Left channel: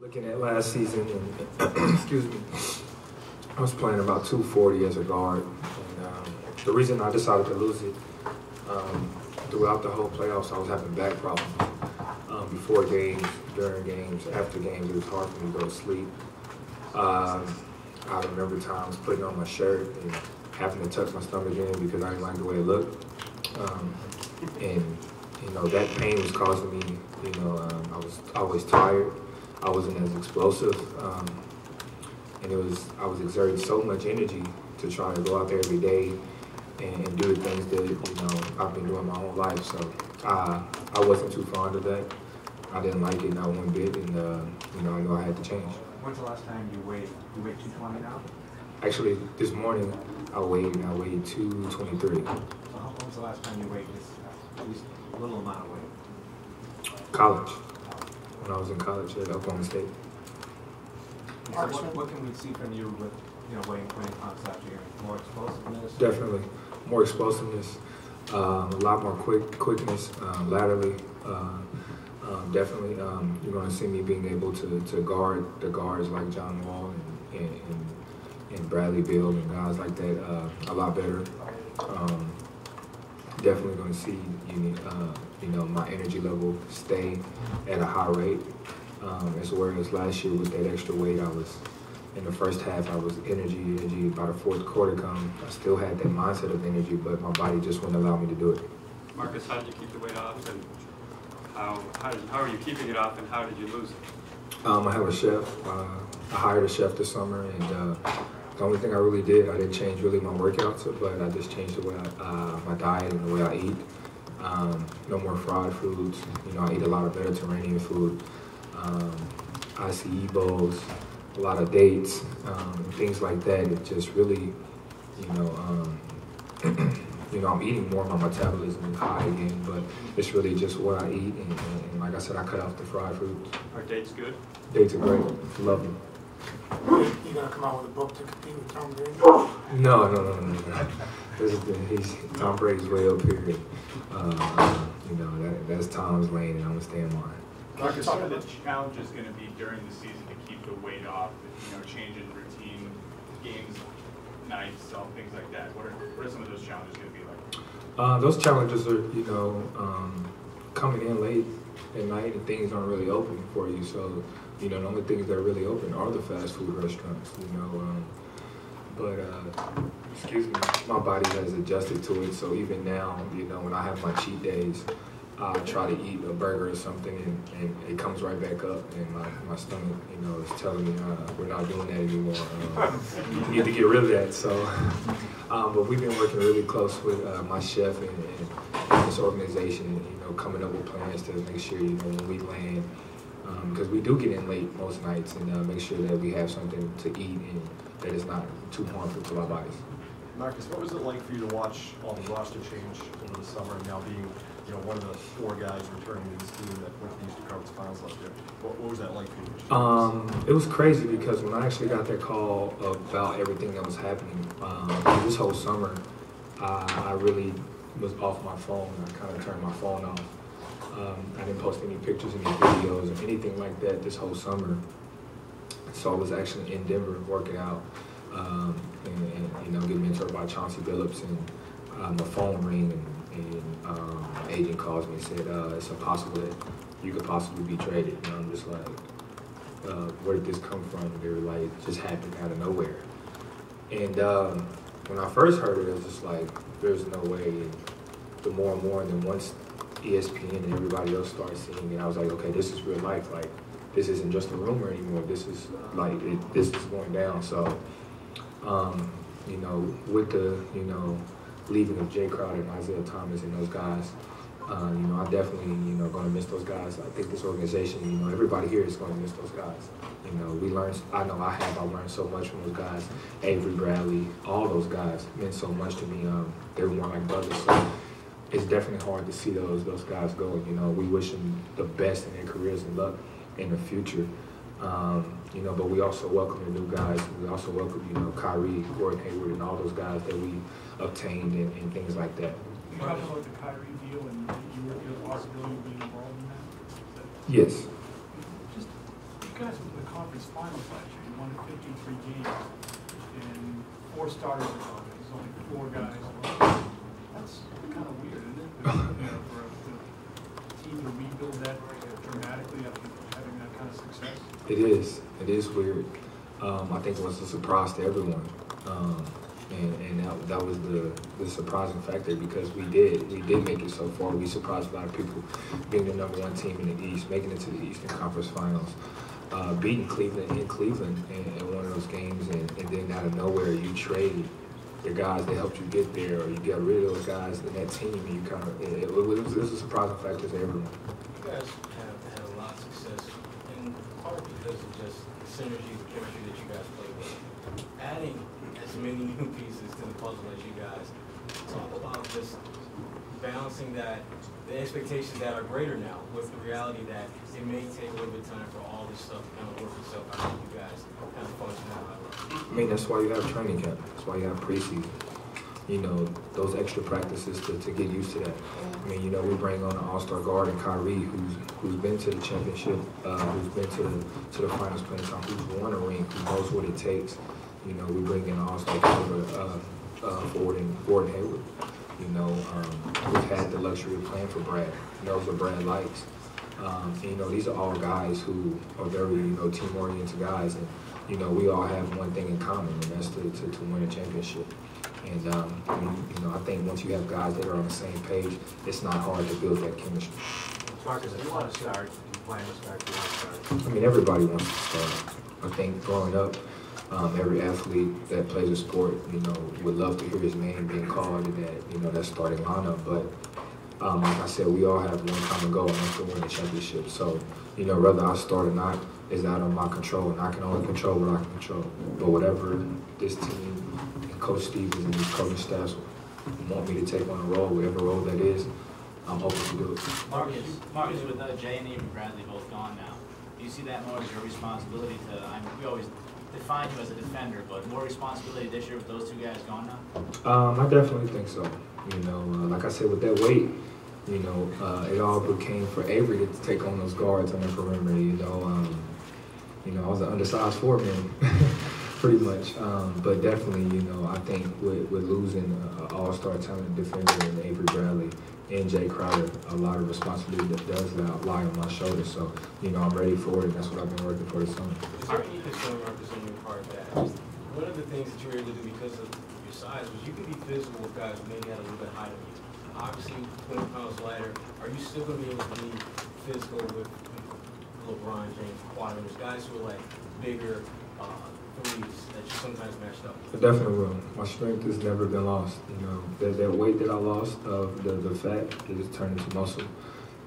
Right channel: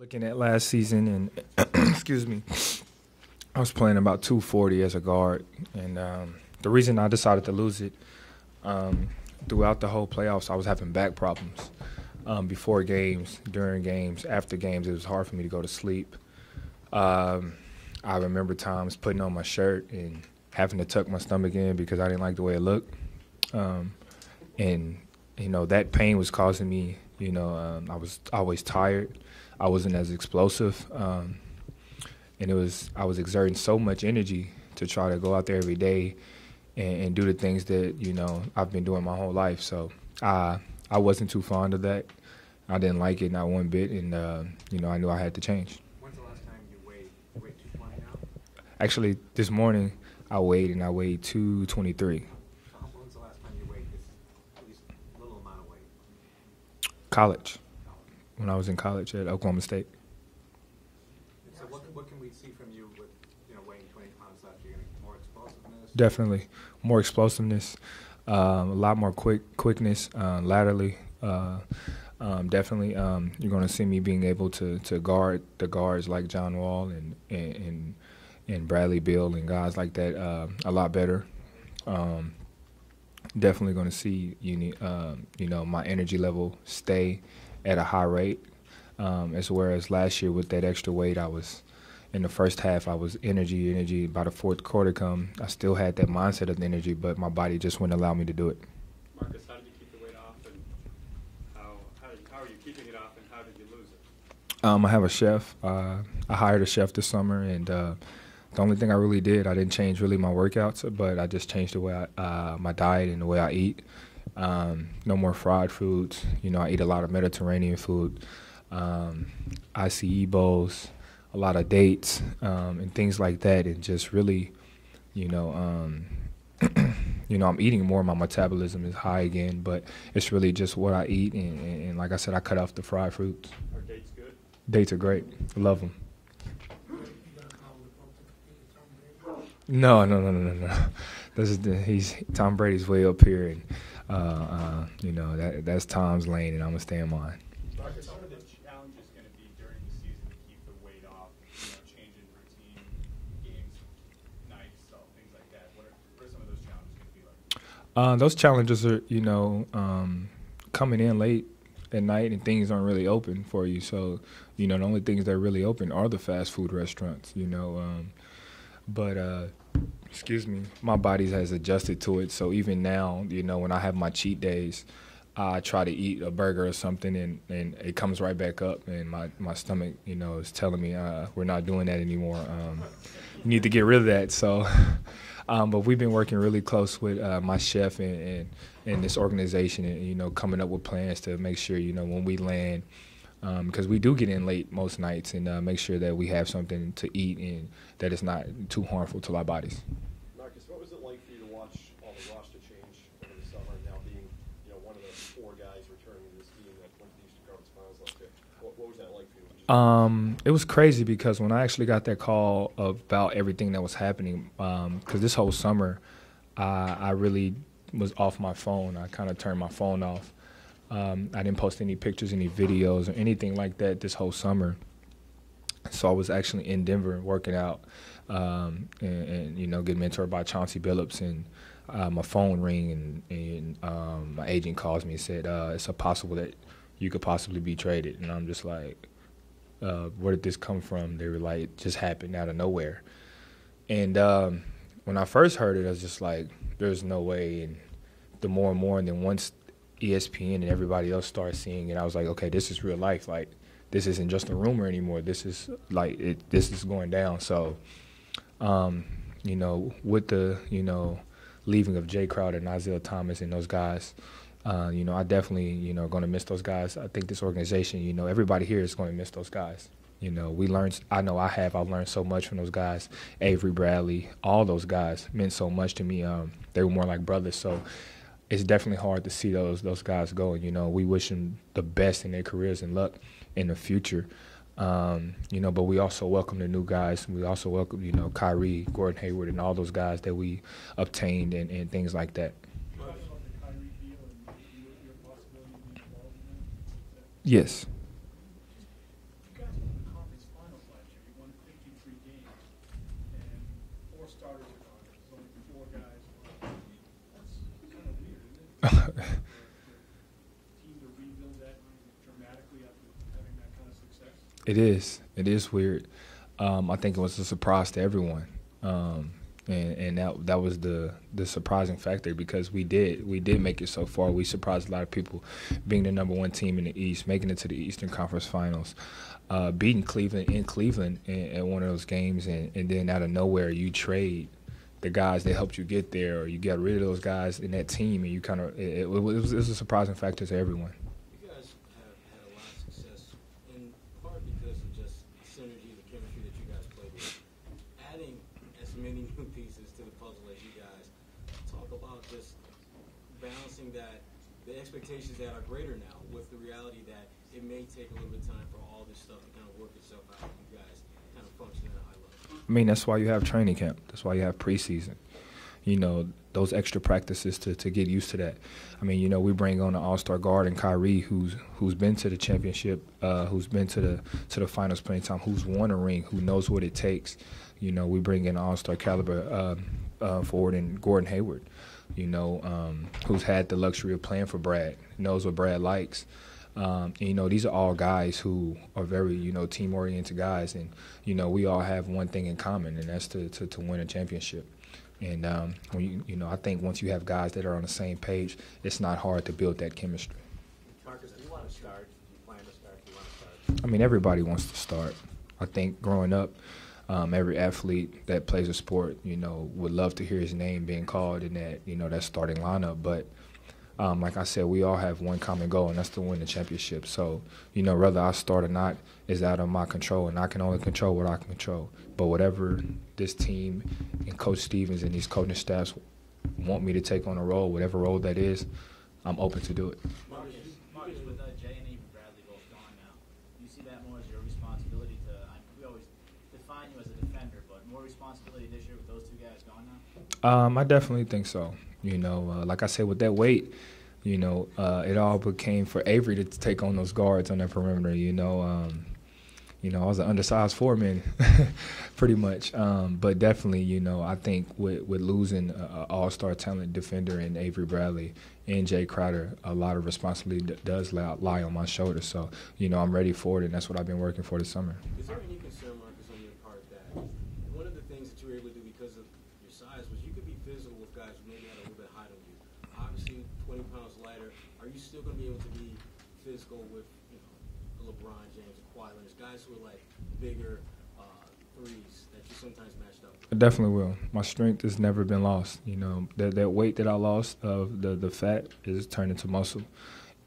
Looking at last season, and excuse me, I was playing about 240 as a guard, and the reason I decided to lose it, throughout the whole playoffs, I was having back problems. Before games, during games, after games, it was hard for me to go to sleep. I remember times putting on my shirt and having to tuck my stomach in because I didn't like the way it looked. And that pain was causing me, I was always tired. I wasn't as explosive, and I was exerting so much energy to try to go out there every day and do the things that I've been doing my whole life. So I wasn't too fond of that. I didn't like it not one bit, and I knew I had to change. When's the last time you weighed? You weighed 220 now? Actually, this morning I weighed 223. So when was the last time you weighed at least a little amount of weight? College. When I was in college at Oklahoma State. So what can we see from you with weighing 20 pounds after year? More explosiveness? Definitely more explosiveness, a lot more quickness laterally. Definitely, you're going to see me being able to guard the guards like John Wall and Bradley Beal and guys like that a lot better. Definitely going to see my energy level stay at a high rate, as whereas last year with that extra weight, I was in the first half I was energy. By the fourth quarter come, I still had that mindset of energy, but my body just wouldn't allow me to do it. Marcus, how did you keep the weight off, and how are you keeping it off, and how did you lose it? I have a chef. I hired a chef this summer, and the only thing I really did, I didn't change really my workouts, but I just changed the way my diet and the way I eat. No more fried foods. I eat a lot of Mediterranean food, ICE bowls, a lot of dates, and things like that. It just really, I'm eating more. My metabolism is high again, but it's really just what I eat. And like I said, I cut off the fried foods. Are dates good? Dates are great. Love them. You gonna come out with a book to compete with Tom Brady? No. Tom Brady's way up here. That's Tom's lane, and I'm gonna stay in mine. Marcus, what are the challenges going to be during the season to keep the weight off? Changing routine, games, nights, things like that. What are some of those challenges going to be like? Those challenges are, coming in late at night and things aren't really open for you. So, the only things that are really open are the fast food restaurants. Excuse me, my body has adjusted to it. So even now, when I have my cheat days, I try to eat a burger or something, and it comes right back up, and my stomach, is telling me we're not doing that anymore. You need to get rid of that. So, but we've been working really close with my chef and this organization, and coming up with plans to make sure when we land, because we do get in late most nights, and make sure that we have something to eat and that is not too harmful to our bodies. Marcus, what was it like for you to watch all the roster change over the summer, and now being one of the four guys returning to this team that went to the Eastern Conference Finals last year? What was that like for you? It was crazy because when I actually got that call about everything that was happening, this whole summer, I really was off my phone. I kind of turned my phone off. I didn't post any pictures, any videos, or anything like that this whole summer. So I was actually in Denver working out, and getting mentored by Chauncey Billups, and my phone rang, and my agent calls me and said, it's possible that you could possibly be traded. And I'm just like, where did this come from? They were like, it just happened out of nowhere. And when I first heard it, I was just like, there's no way. And the more and more, and then once ESPN and everybody else started seeing it, I was like, okay, this is real life. Like, this isn't just a rumor anymore. This is like, this is going down. So, with the, leaving of Jay Crowder and Isaiah Thomas and those guys, I definitely, going to miss those guys. I think this organization, everybody here is going to miss those guys. We learned, I've learned so much from those guys. Avery Bradley, all those guys meant so much to me. They were more like brothers. So it's definitely hard to see those guys go. We wish them the best in their careers and luck in the future. But we also welcome the new guys. We also welcome, Kyrie, Gordon Hayward, and all those guys that we obtained and things like that. You talked about the Kyrie deal and your possibility of being involved in that? Yes. Just, you guys conference finals last year. You won 53 games, and 4 starters are gone. There's only 4 guys left. That's kind of weird, isn't it? For a team to rebuild that dramatically after having that kind of success. It is. It is weird. I think it was a surprise to everyone. And that was the surprising factor, because we did make it so far. We surprised a lot of people, being the #1 team in the East, making it to the Eastern Conference Finals, beating Cleveland in Cleveland in one of those games, and then out of nowhere you trade the guys that helped you get there, or you get rid of those guys in that team, and you kind of it was a surprising factor to everyone. You guys have had a lot of success, in part because of just the synergy, the chemistry that you guys play with. Adding as many new pieces to the puzzle as you guys, talk about just balancing that, the expectations that are greater now with the reality that it may take a little bit of time for all this stuff to kind of work itself out, and you guys kind of function out. I mean, that's why you have training camp. That's why you have preseason. You know, those extra practices to get used to that. I mean, you know, we bring on an all-star guard in Kyrie, who's been to the championship, who's been to the finals plenty of time, who's won a ring, who knows what it takes. You know, we bring in an all-star caliber forward in Gordon Hayward, you know, who's had the luxury of playing for Brad, knows what Brad likes. And, you know, these are all guys who are very, you know, team-oriented guys, and you know, we all have one thing in common, and that's to win a championship. And you know, I think once you have guys that are on the same page, it's not hard to build that chemistry. Marcus, do you want to start? Do you plan to start? Do you want to start? I mean, everybody wants to start. I think growing up, every athlete that plays a sport, you know, would love to hear his name being called in that, you know, that starting lineup. But like I said, we all have one common goal, and that's to win a championship. So, you know, whether I start or not is out of my control, and I can only control what I can control. But whatever this team and Coach Stevens and these coaching staffs want me to take on a role, whatever role that is, I'm open to do it. Marcus, with Jay and Avery Bradley both gone now, do you see that more as your responsibility to, I mean, we always define you as a defender, but more responsibility this year with those 2 guys gone now? I definitely think so. You know, like I said, with that weight, you know, it all became for Avery to take on those guards on that perimeter, you know. You know, I was an undersized 4-man, pretty much. But definitely, you know, I think with losing an all-star talent defender in Avery Bradley and Jay Crowder, a lot of responsibility that does lie on my shoulders. So, you know, I'm ready for it, and that's what I've been working for this summer. Is there any concern representing your part that one of the things that you were able to do because of your size was you could be physical with guys who maybe had a little bit higher than you? Obviously, 20 pounds lighter, are you still going to be able to be physical with LeBron James, Kawhi, there's guys who are like bigger threes that you sometimes matched up? I definitely will. My strength has never been lost. You know, that weight that I lost, the fat, is turned into muscle.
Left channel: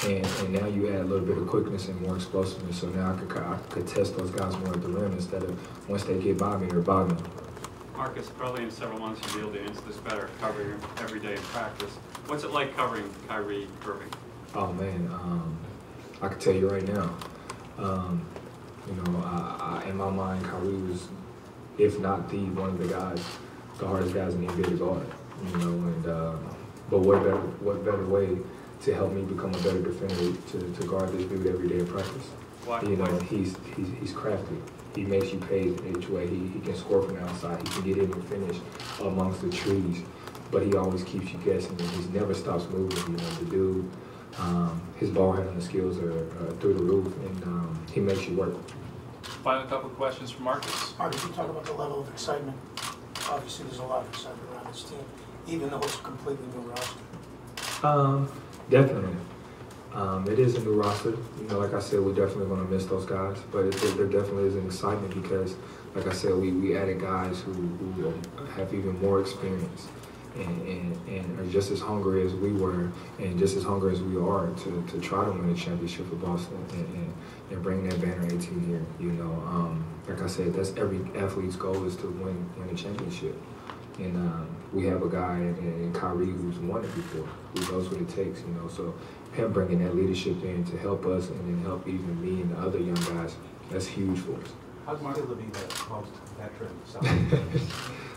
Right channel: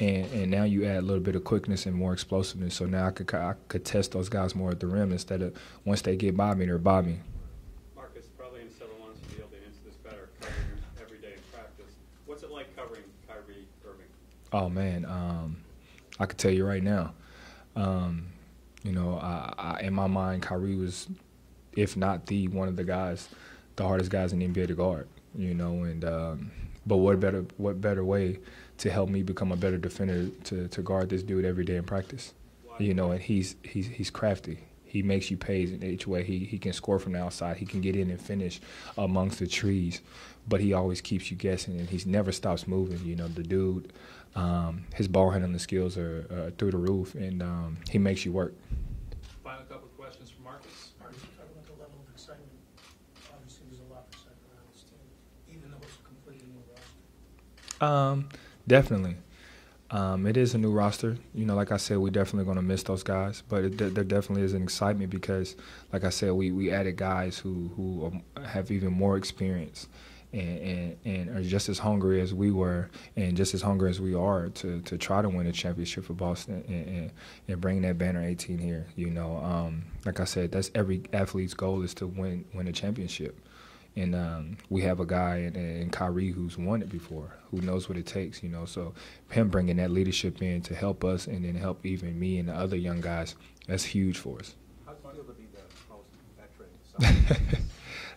And now you add a little bit of quickness and more explosiveness. So now I could test those guys more at the rim instead of once they get by me, they're by me. Marcus, probably in several months you'll be able to answer this better, covering him every day in practice. What's it like covering Kyrie Irving? Oh man, I can tell you right now. You know, I in my mind, Kyrie was, if not one of the guys, the hardest guys in the NBA to guard. You know, and but what better way to help me become a better defender to guard this dude every day in practice? You know, he's crafty. He makes you pay each way. He can score from the outside. He can get in and finish amongst the trees, but he always keeps you guessing. And he never stops moving. You know, the dude. His ball handling skills are through the roof, and he makes you work. Final couple of questions for Marcus. Marcus, you talk about the level of excitement. Obviously, there's a lot of excitement around this team, even though it's a completely new roster. Definitely. It is a new roster. You know, like I said, we're definitely going to miss those guys, but there definitely is an excitement because, like I said, we added guys who have even more experience. And are just as hungry as we were, and just as hungry as we are to try to win the championship for Boston and bring that banner 18 here. You know, like I said, that's every athlete's goal is to win a championship. And we have a guy in Kyrie who's won it before, who knows what it takes. You know, so him bringing that leadership in to help us and then help even me and the other young guys, that's huge for us. How's it feel to be the most veteran?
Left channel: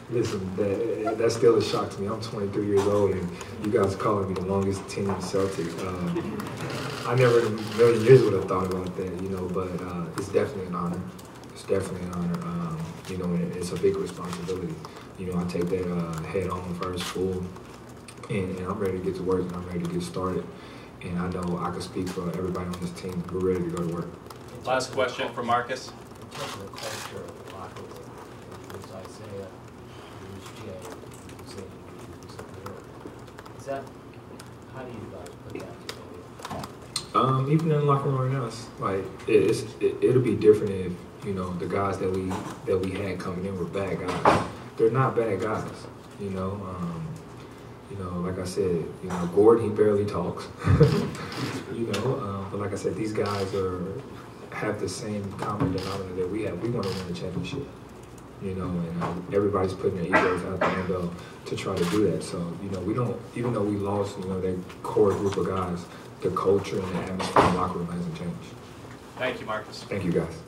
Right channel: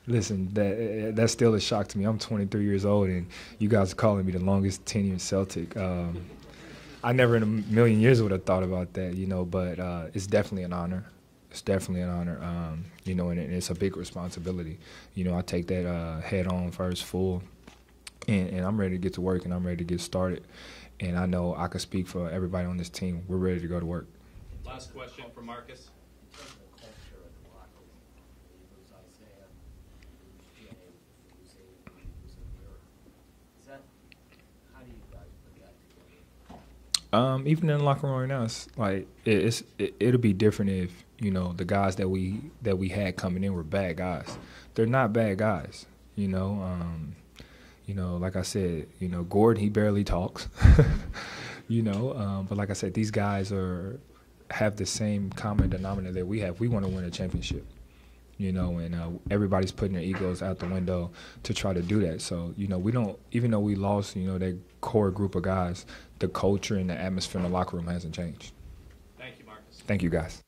Listen, that's still a shock to me. I'm 23 years old, and you guys are calling me the longest tenured Celtic. I never in a million years would have thought about that, you know, but it's definitely an honor. It's definitely an honor. You know, and it's a big responsibility. You know, I take that head on first, full, and I'm ready to get to work and I'm ready to get started. And I know I can speak for everybody on this team. We're ready to go to work. Last question for Marcus. In terms of the culture of the locker room, it was Isaiah, it was Jay, it was Zane, it was Dirk. Is that, how do you guys put that together? Even in the locker room right now, it's like it'll be different if, you know, the guys that we had coming in were bad guys. They're not bad guys, you know. You know, like I said, you know, Gordon, he barely talks, you know. But like I said, these guys have the same common denominator that we have. We want to win a championship, you know, and everybody's putting their egos out the window to try to do that. So, you know, we don't, even though we lost, you know, that core group of guys, the culture and the atmosphere in the locker room hasn't changed. Thank you, Marcus. Thank you, guys.